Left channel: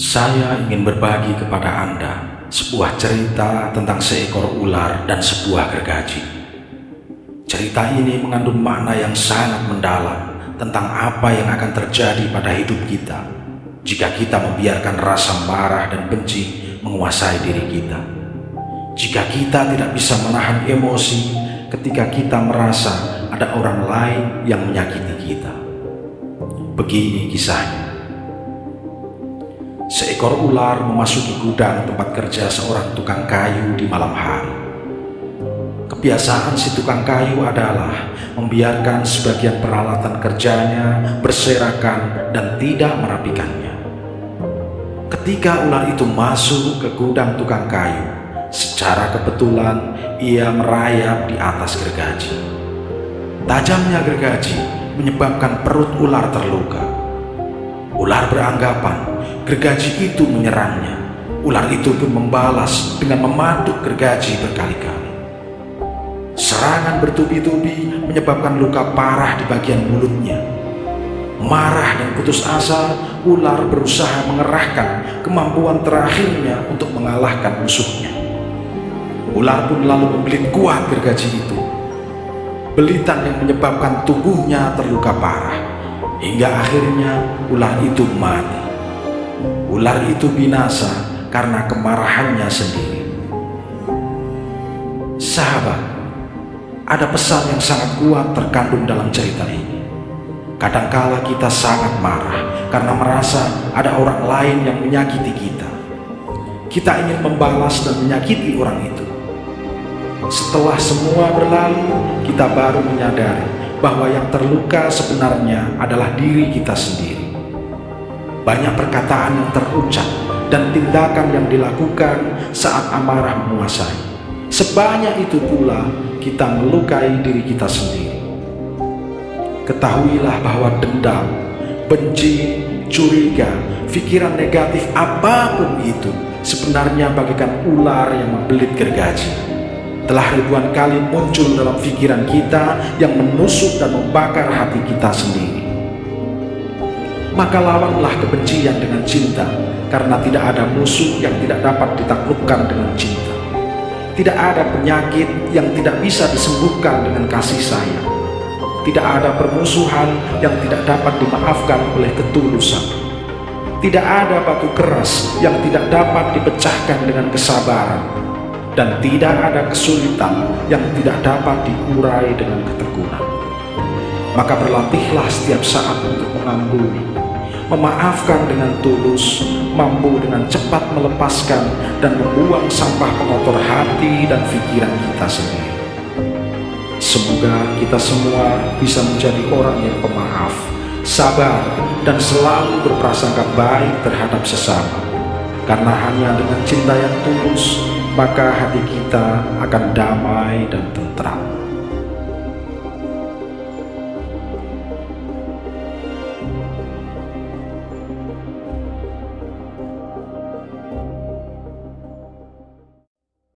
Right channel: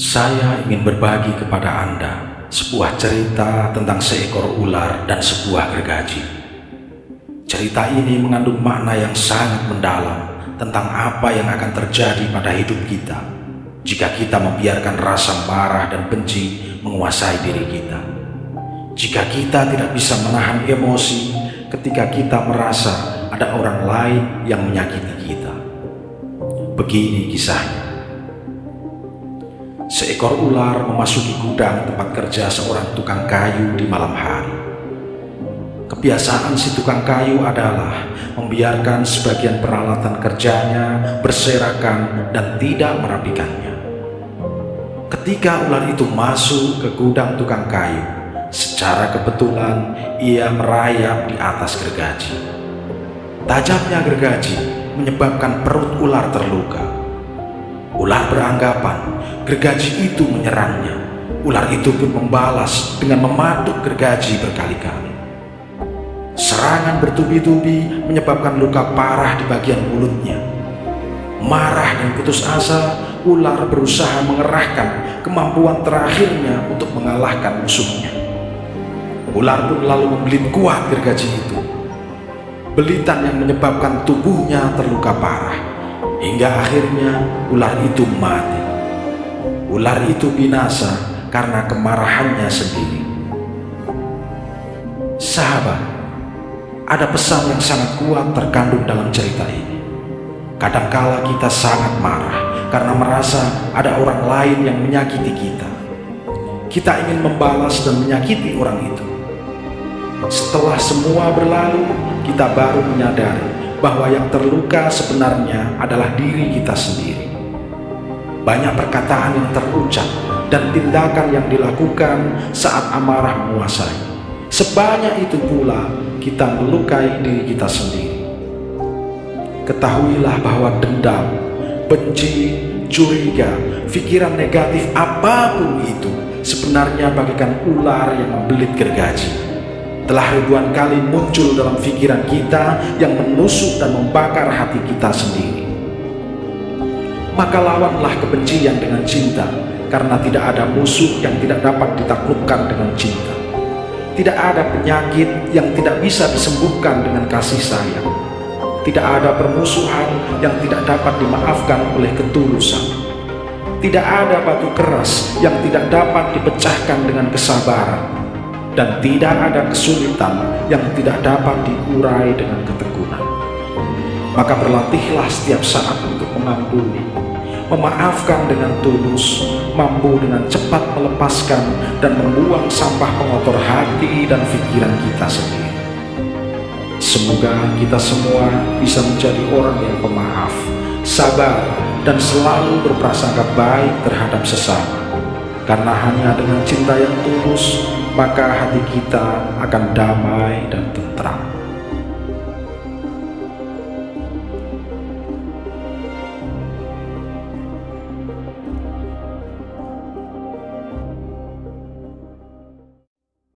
Saya ingin berbagi kepada Anda sebuah cerita tentang seekor ular dan sebuah gergaji. Cerita ini mengandung makna yang sangat mendalam tentang apa yang akan terjadi pada hidup kita jika kita membiarkan rasa marah dan benci menguasai diri kita. Jika kita tidak bisa menahan emosi ketika kita merasa ada orang lain yang menyakiti kita. Begini kisahnya. Seekor ular memasuki gudang tempat kerja seorang tukang kayu di malam hari. Kebiasaan si tukang kayu adalah membiarkan sebagian peralatan kerjanya berserakan dan tidak merapikannya. Ketika ular itu masuk ke gudang tukang kayu, secara kebetulan ia merayap di atas gergaji. Tajamnya gergaji menyebabkan perut ular terluka. Ular beranggapan gergaji itu menyerangnya. Ular itu pun membalas dengan mematuk gergaji berkali-kali. Serangan bertubi-tubi menyebabkan luka parah di bagian mulutnya. Marah dan putus asa, ular berusaha mengerahkan kemampuan terakhirnya untuk mengalahkan musuhnya. Ular pun lalu membelit kuat gergaji itu. Belitan yang menyebabkan tubuhnya terluka parah. Hingga akhirnya ular itu mati. Ular itu binasa karena kemarahannya sendiri. Sahabat, ada pesan yang sangat kuat terkandung dalam cerita ini. Kadangkala kita sangat marah karena merasa ada orang lain yang menyakiti kita. Kita ingin membalas dan menyakiti orang itu. Setelah semua berlalu, kita baru menyadari bahwa yang terluka sebenarnya adalah diri kita sendiri. Banyak perkataan yang terucap dan tindakan yang dilakukan saat amarah menguasai. Sebanyak itu pula kita melukai diri kita sendiri. Ketahuilah bahwa dendam, benci, curiga, pikiran negatif apapun itu sebenarnya bagaikan ular yang membelit gergaji. Telah ribuan kali muncul dalam pikiran kita yang menusuk dan membakar hati kita sendiri. Maka lawanlah kebencian dengan cinta, karena tidak ada musuh yang tidak dapat ditaklukkan dengan cinta. Tidak ada penyakit yang tidak bisa disembuhkan dengan kasih sayang. Tidak ada permusuhan yang tidak dapat dimaafkan oleh ketulusan. Tidak ada batu keras yang tidak dapat dipecahkan dengan kesabaran. Dan tidak ada kesulitan yang tidak dapat diurai dengan ketekunan. Maka berlatihlah setiap saat untuk mengampuni, memaafkan dengan tulus, mampu dengan cepat melepaskan dan membuang sampah pengotor hati dan pikiran kita sendiri. Semoga kita semua bisa menjadi orang yang pemaaf, sabar, dan selalu berprasangka baik terhadap sesama. Karena hanya dengan cinta yang tulus, maka hati kita akan damai dan tentram.